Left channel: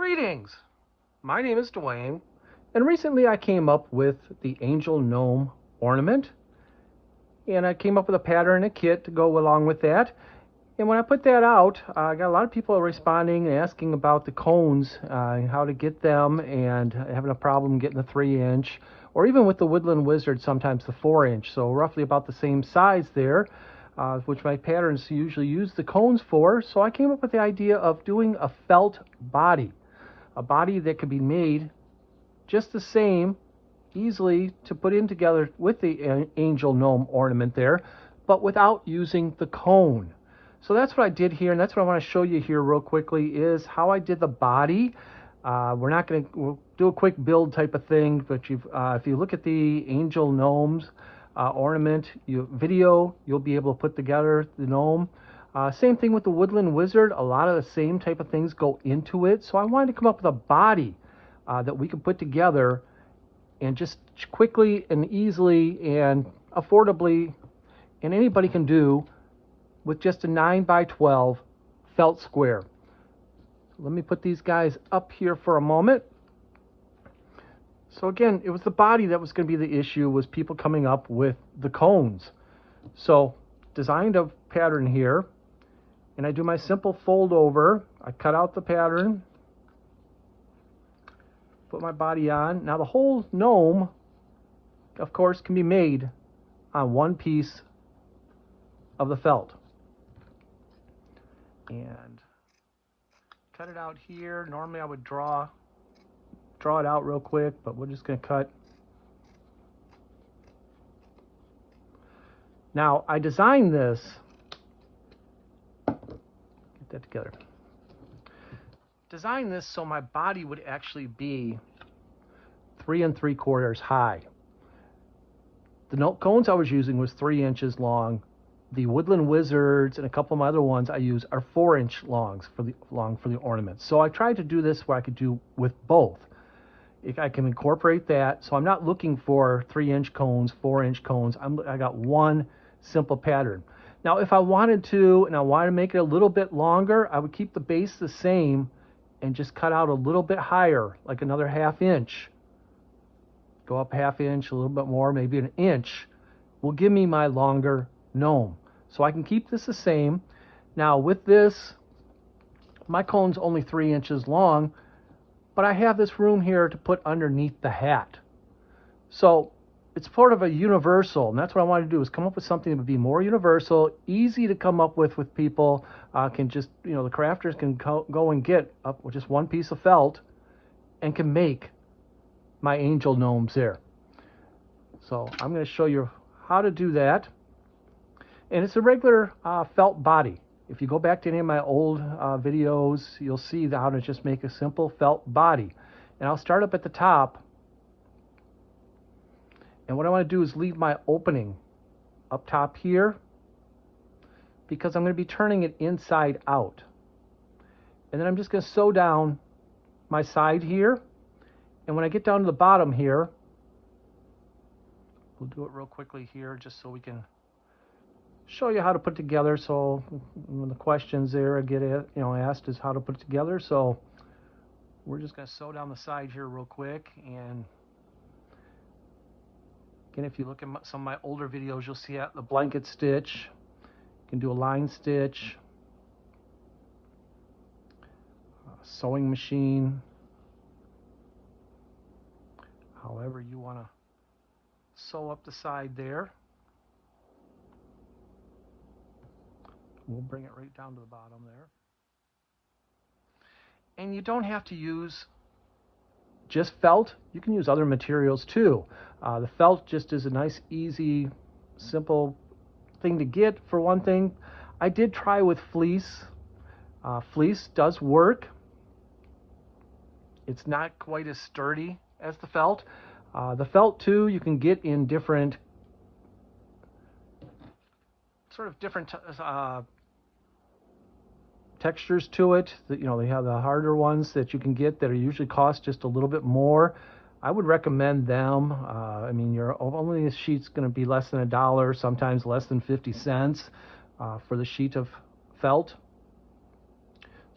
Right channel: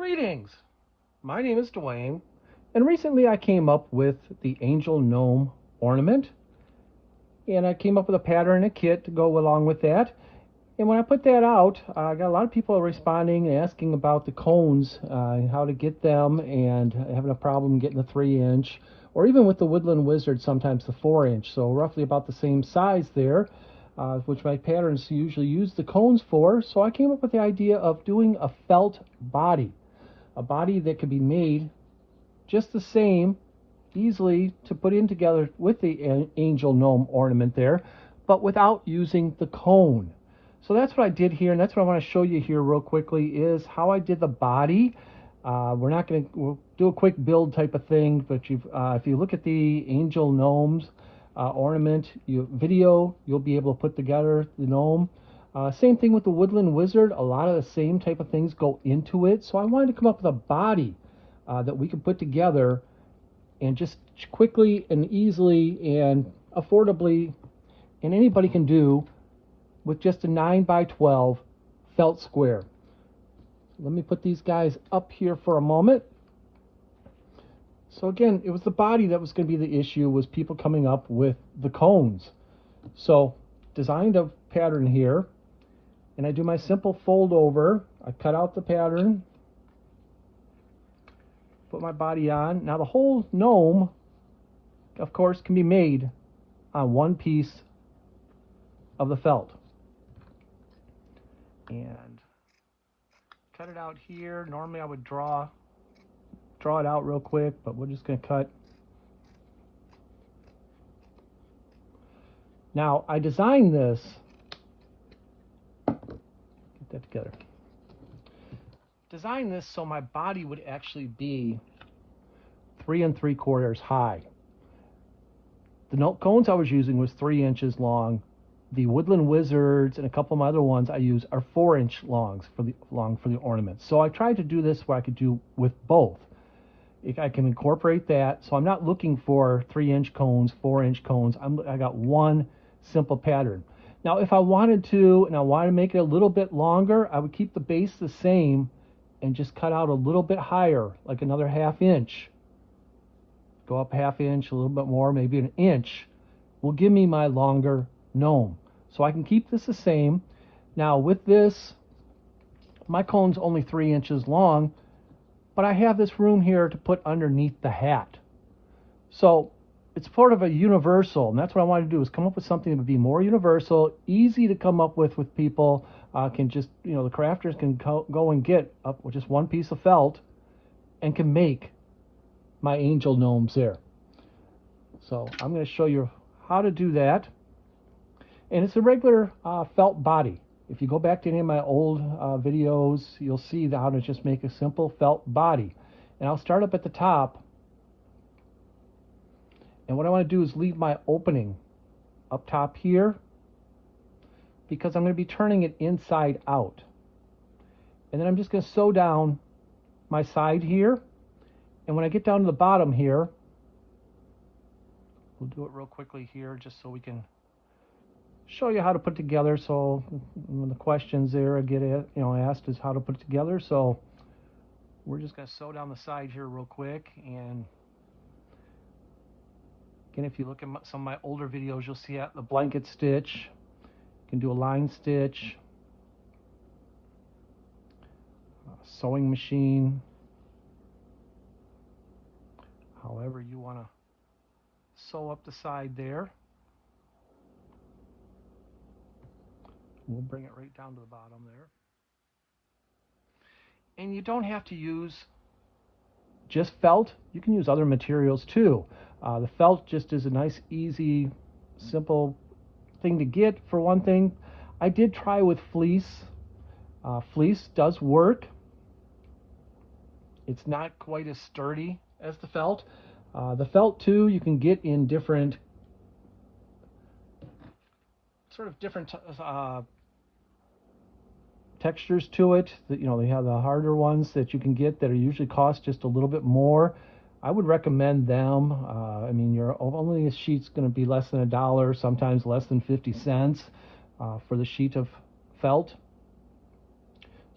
Greetings! My name is Dwayne, and recently I came up with the Angel Gnome ornament, and I came up with a pattern and a kit to go along with that. And when I put that out, I got a lot of people responding and asking about the cones, how to get them, and having a problem getting the 3-inch, or even with the Woodland Wizard, sometimes the 4-inch. So roughly about the same size there, which my patterns usually use the cones for. So I came up with the idea of doing a felt body. A body that could be made just the same, easily to put in together with the angel gnome ornament there, but without using the cone. So that's what I did here, and that's what I want to show you here real quickly is how I did the body. We'll do a quick build type of thing, but if you look at the angel gnomes ornament video, you'll be able to put together the gnome. Same thing with the Woodland Wizard. A lot of the same type of things go into it. So I wanted to come up with a body that we can put together and just quickly and easily and affordably, and anybody can do with just a 9x12 felt square. Let me put these guys up here for a moment. So again, it was the body that was going to be the issue, was people coming up with the cones. So designed a pattern here, and I do my simple fold over. I cut out the pattern, put my body on. Now the whole gnome, of course, can be made on one piece of the felt. And cut it out here. Normally I would draw it out real quick, but we're just going to cut. Now I designed this, get that together. Designed this so my body would actually be 3 3/4 high. The cones I was using was 3 inches long. The Woodland Wizards and a couple of my other ones I use are 4-inch longs for the ornaments. So I tried to do this where I could do with both. If I can incorporate that, so I'm not looking for 3-inch cones, 4-inch cones. I got one simple pattern. Now, if I wanted to, and I wanted to make it a little bit longer, I would keep the base the same and just cut out a little bit higher, like another 1/2 inch. Go up 1/2 inch, a little bit more, maybe an inch, will give me my longer gnome. So I can keep this the same. Now with this, my cone's only 3 inches long, but I have this room here to put underneath the hat. So it's sort of a universal, and that's what I wanted to do, is come up with something that would be more universal, easy to come up with people. Can just, the crafters can go and get up with just one piece of felt and can make my angel gnomes there. So I'm going to show you how to do that. And it's a regular felt body. If you go back to any of my old videos, you'll see how to just make a simple felt body. And I'll start up at the top. And what I want to do is leave my opening up top here, because I'm going to be turning it inside out. And then I'm just going to sew down my side here. And when I get down to the bottom here, we'll do it real quickly here just so we can show you how to put it together. So one of the questions there I get asked is how to put it together. So we're just going to sew down the side here real quick. And again, if you look at some of my older videos, you'll see the blanket stitch. You can do a line stitch, sewing machine, however you want to sew up the side there. We'll bring it right down to the bottom there. And you don't have to use just felt. You can use other materials too. The felt just is a nice, easy, simple thing to get. For one thing, I did try with fleece. Fleece does work. It's not quite as sturdy as the felt. The felt too, you can get in different textures to it. They have the harder ones that you can get that are usually cost just a little bit more. I would recommend them. I mean, your only sheet's going to be less than $1, sometimes less than 50 cents for the sheet of felt.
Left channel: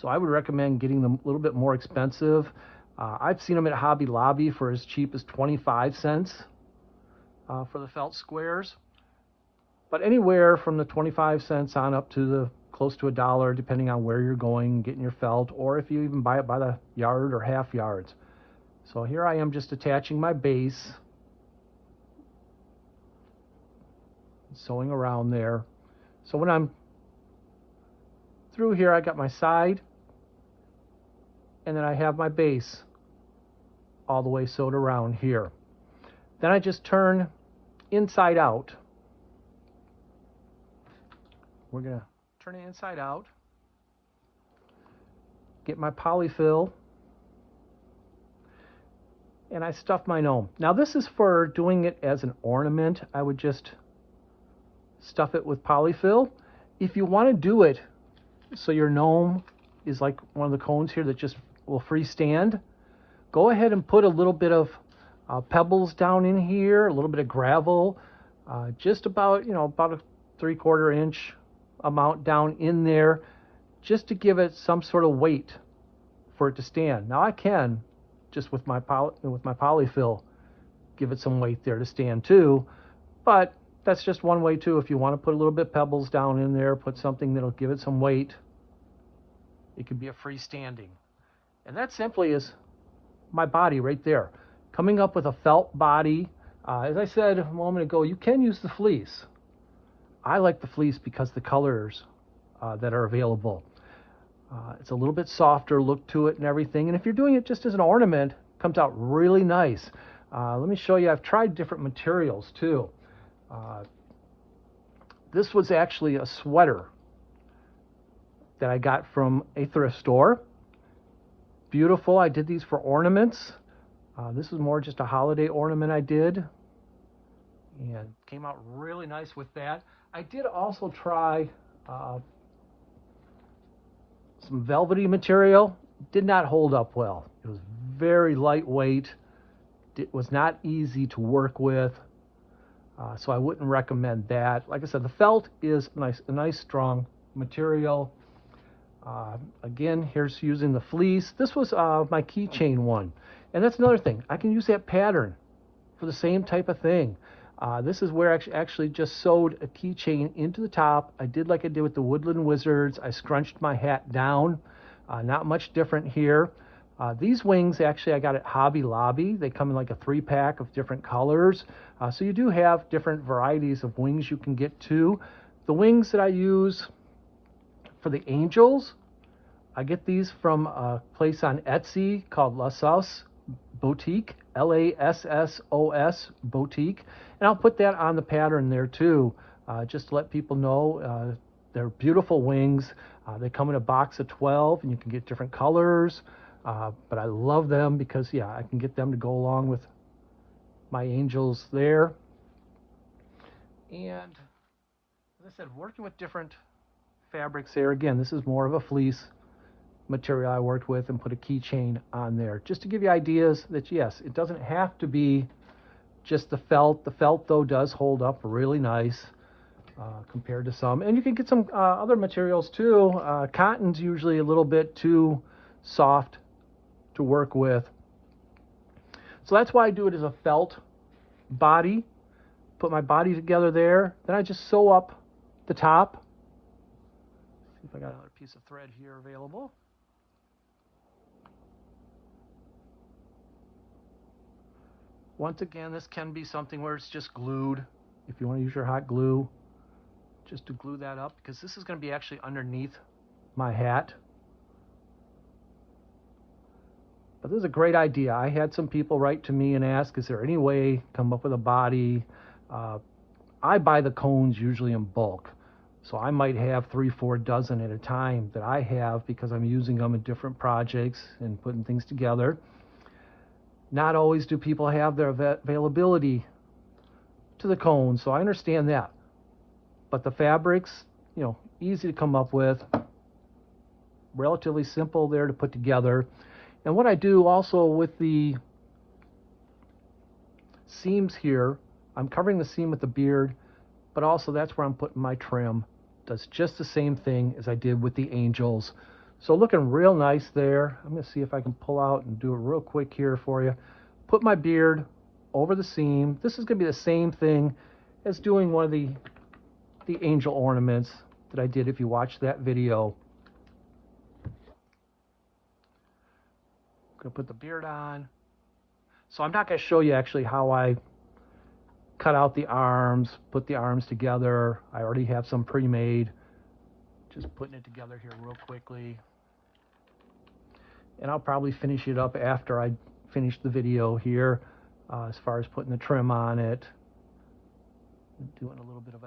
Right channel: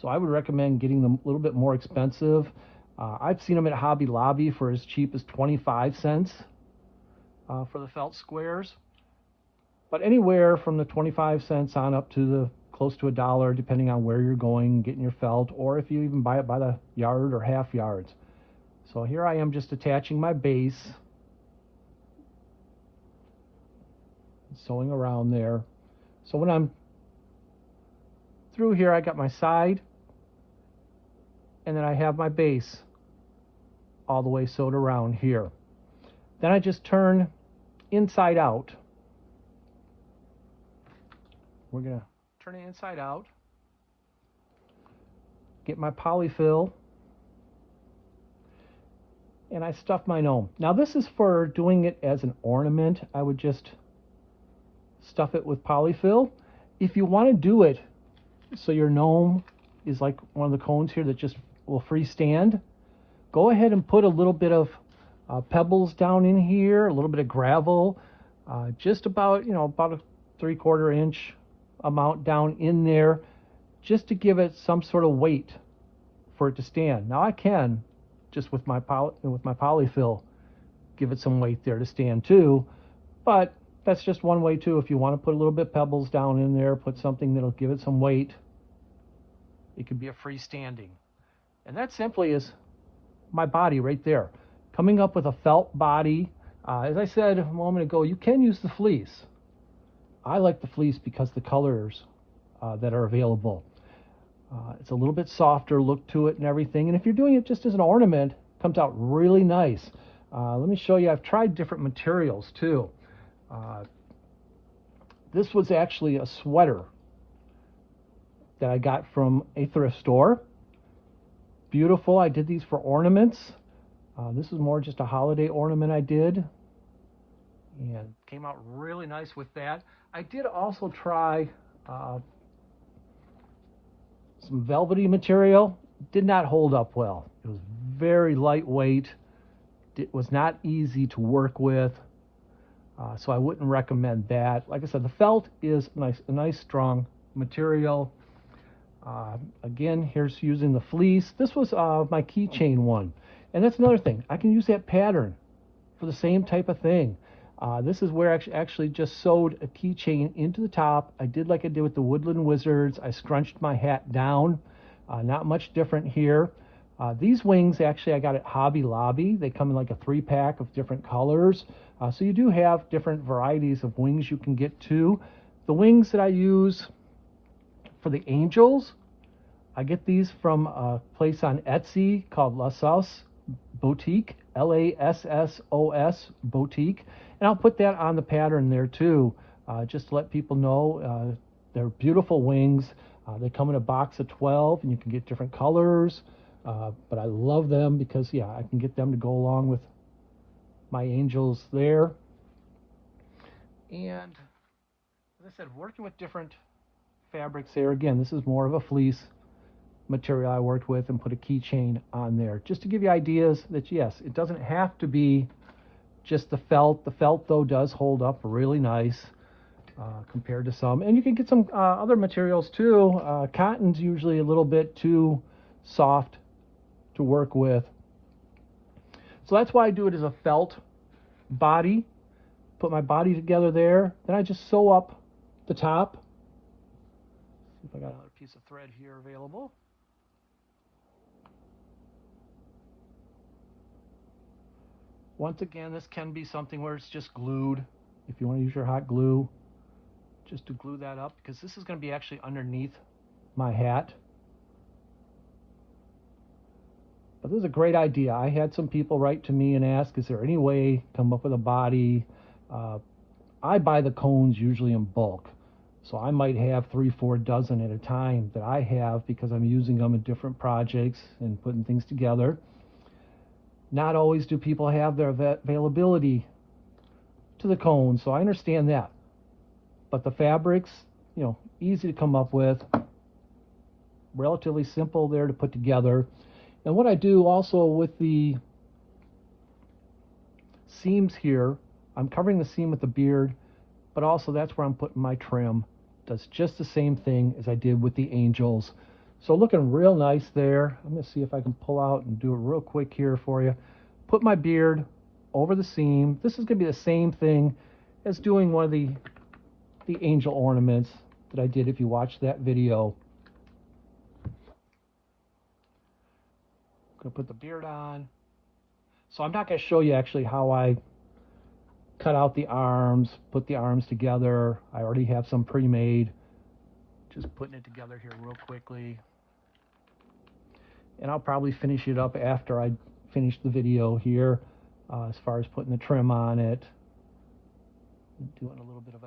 So I would recommend getting them a little bit more expensive. I've seen them at Hobby Lobby for as cheap as 25 cents for the felt squares. But anywhere from the 25 cents on up to the close to $1, depending on where you're going, getting your felt, or if you even buy it by the yard or half yards. So here I am just attaching my base, sewing around there. So when I'm through here, I got my side, and then I have my base all the way sewed around here. Then I just turn inside out. We're going to turn it inside out, get my polyfill, and I stuff my gnome. Now this is for doing it as an ornament. I would just stuff it with polyfill. If you want to do it so your gnome is like one of the cones here that just will freestand, go ahead and put a little bit of pebbles down in here, a little bit of gravel, just about, about a 3/4 inch amount down in there, just to give it some sort of weight for it to stand. Now I can just with my polyfill give it some weight there to stand too, but that's just one way too. If you want to put a little bit of pebbles down in there, put something that'll give it some weight, it could be a freestanding. And that simply is my body right there, coming up with a felt body. As I said a moment ago, you can use the fleece. I like the fleece because the colors that are available. It's a little bit softer look to it and everything. And if you're doing it just as an ornament, it comes out really nice. Let me show you. I've tried different materials too. This was actually a sweater that I got from a thrift store. Beautiful. I did these for ornaments. This is more just a holiday ornament I did, and came out really nice with that. I did also try some velvety material. Did not hold up well. It was very lightweight. It was not easy to work with, so I wouldn't recommend that. Like I said, the felt is a nice strong material. Again, here's using the fleece. This was my keychain one, and that's another thing. I can use that pattern for the same type of thing. This is where I actually just sewed a keychain into the top. I did like I did with the Woodland Wizards. I scrunched my hat down. Not much different here. These wings, actually, I got at Hobby Lobby. They come in like a 3-pack of different colors. So you do have different varieties of wings you can get too. The wings that I use for the angels, I get these from a place on Etsy called Lassos Boutique, Lassos Boutique. And I'll put that on the pattern there too, just to let people know they're beautiful wings. They come in a box of 12, and you can get different colors. But I love them because, yeah, I can get them to go along with my angels there. And as I said, working with different fabrics there. Again, this is more of a fleece material I worked with, and put a keychain on there just to give you ideas that, yes, it doesn't have to be just the felt. The felt, though, does hold up really nice compared to some. And you can get some other materials too. Cotton's usually a little bit too soft to work with. So that's why I do it as a felt body. Put my body together there. Then I just sew up the top. See if I got another piece of thread here available. Once again, this can be something where it's just glued. If you want to use your hot glue, just to glue that up, because this is going to be actually underneath my hat. But this is a great idea. I had some people write to me and ask, is there any way to come up with a body? I buy the cones usually in bulk. So I might have 3-4 dozen at a time that I have, because I'm using them in different projects and putting things together. Not always do people have their availability to the cones, so I understand that. But the fabrics, easy to come up with, relatively simple there to put together. And what I do also with the seams here, I'm covering the seam with the beard, but also that's where I'm putting my trim. Does just the same thing as I did with the angels. So looking real nice there. I'm going to see if I can pull out and do it real quick here for you. Put my beard over the seam. This is going to be the same thing as doing one of the angel ornaments that I did if you watched that video. Gonna put the beard on. So I'm not going to show you actually how I cut out the arms, put the arms together. I already have some pre-made. Just putting it together here real quickly. And I'll probably finish it up after I finish the video here, as far as putting the trim on it. Doing a little bit of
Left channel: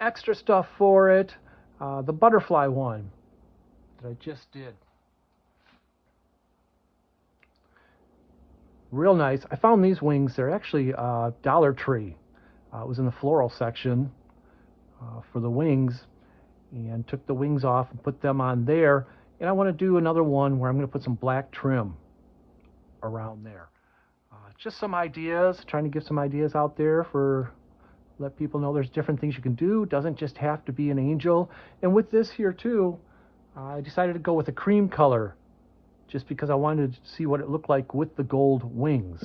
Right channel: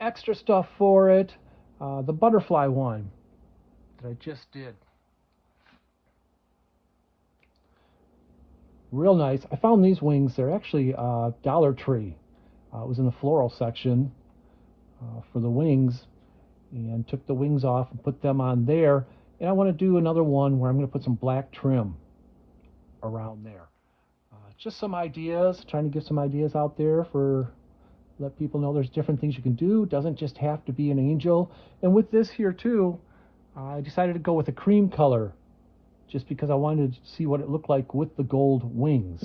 extra stuff for it. The butterfly one that I just did. Real nice. I found these wings. They're actually Dollar Tree. It was in the floral section for the wings, and took the wings off and put them on there. And I want to do another one where I'm going to put some black trim around there. Just some ideas, trying to give some ideas out there for let people know there's different things you can do. It doesn't just have to be an angel. And with this here too, I decided to go with a cream color just because I wanted to see what it looked like with the gold wings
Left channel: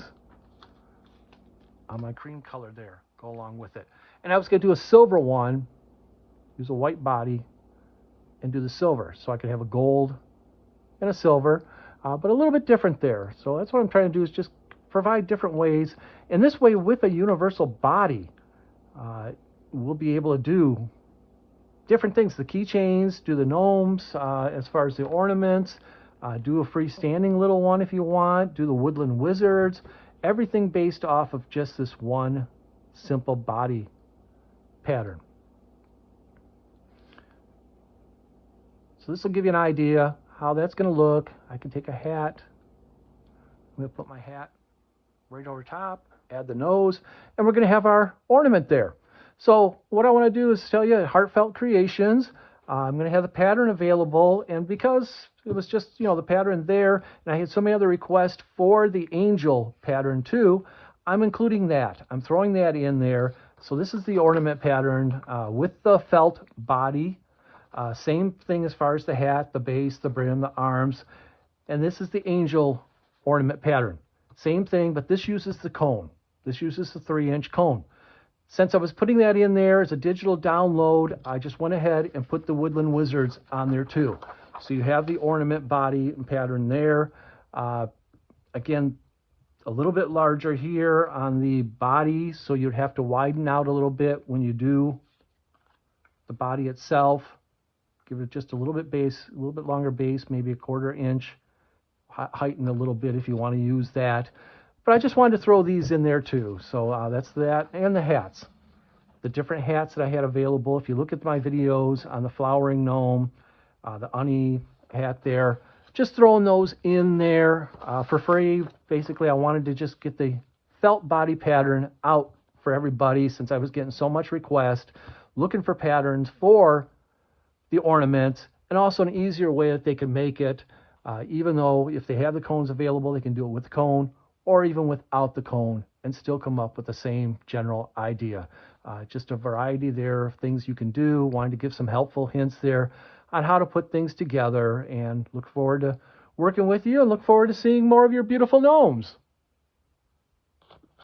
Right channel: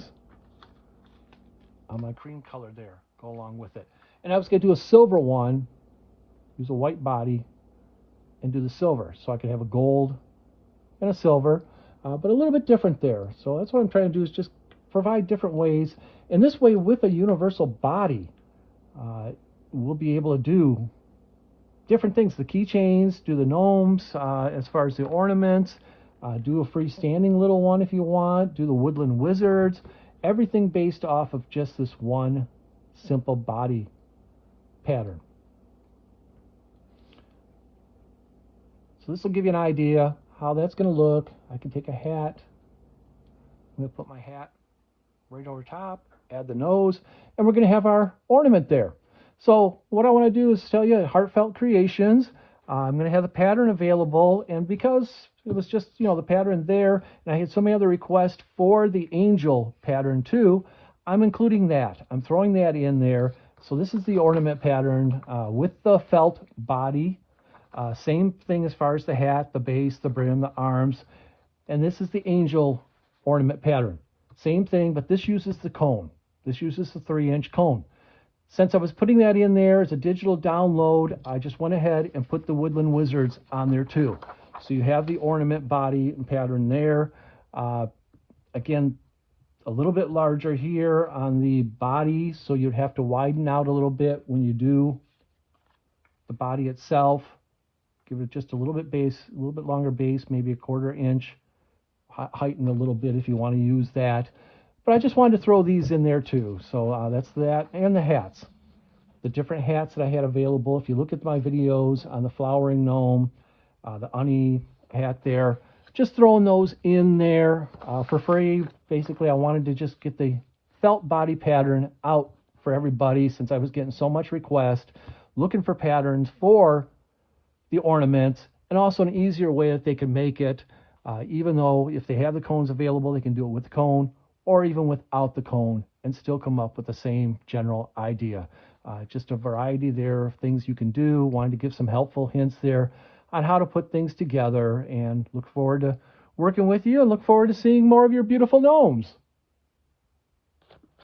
on my cream color there. Go along with it. And I was going to do a silver one, use a white body, and do the silver. So I could have a gold and a silver, but a little bit different there. So that's what I'm trying to do, is just provide different ways. And this way, with a universal body, we'll be able to do different things. The keychains, do the gnomes, as far as the ornaments, do a freestanding little one if you want, do the Woodland Wizards, everything based off of just this one simple body pattern. So this will give you an idea how that's going to look. I can take a hat. I'm going to put my hat right over top, add the nose, and we're going to have our ornament there. So what I want to do is tell you Heartfelt Creations. I'm going to have the pattern available, and because it was just, the pattern there, and I had so many other requests for the angel pattern too, I'm including that. I'm throwing that in there. So this is the ornament pattern with the felt body. Same thing as far as the hat, the base, the brim, the arms. And this is the angel ornament pattern. Same thing, but this uses the cone. This uses the 3-inch cone. Since I was putting that in there as a digital download, I just went ahead and put the Woodland Wizards on there too. So you have the ornament body and pattern there. Again, a little bit larger here on the body, so you'd have to widen out a little bit when you do the body itself. Give it just a little bit base, a little bit longer base, maybe a 1/4 inch. Heighten a little bit if you want to use that. But I just wanted to throw these in there too. So that's that. And the hats. The different hats that I had available. If you look at my videos on the flowering gnome, the Unny hat there, just throwing those in there for free. Basically, I wanted to just get the felt body pattern out for everybody, since I was getting so much request, looking for patterns for the ornaments, and also an easier way that they can make it, even though if they have the cones available, they can do it with the cone or even without the cone and still come up with the same general idea. Just a variety there of things you can do. Wanted to give some helpful hints there on how to put things together, and look forward to working with you, and look forward to seeing more of your beautiful gnomes.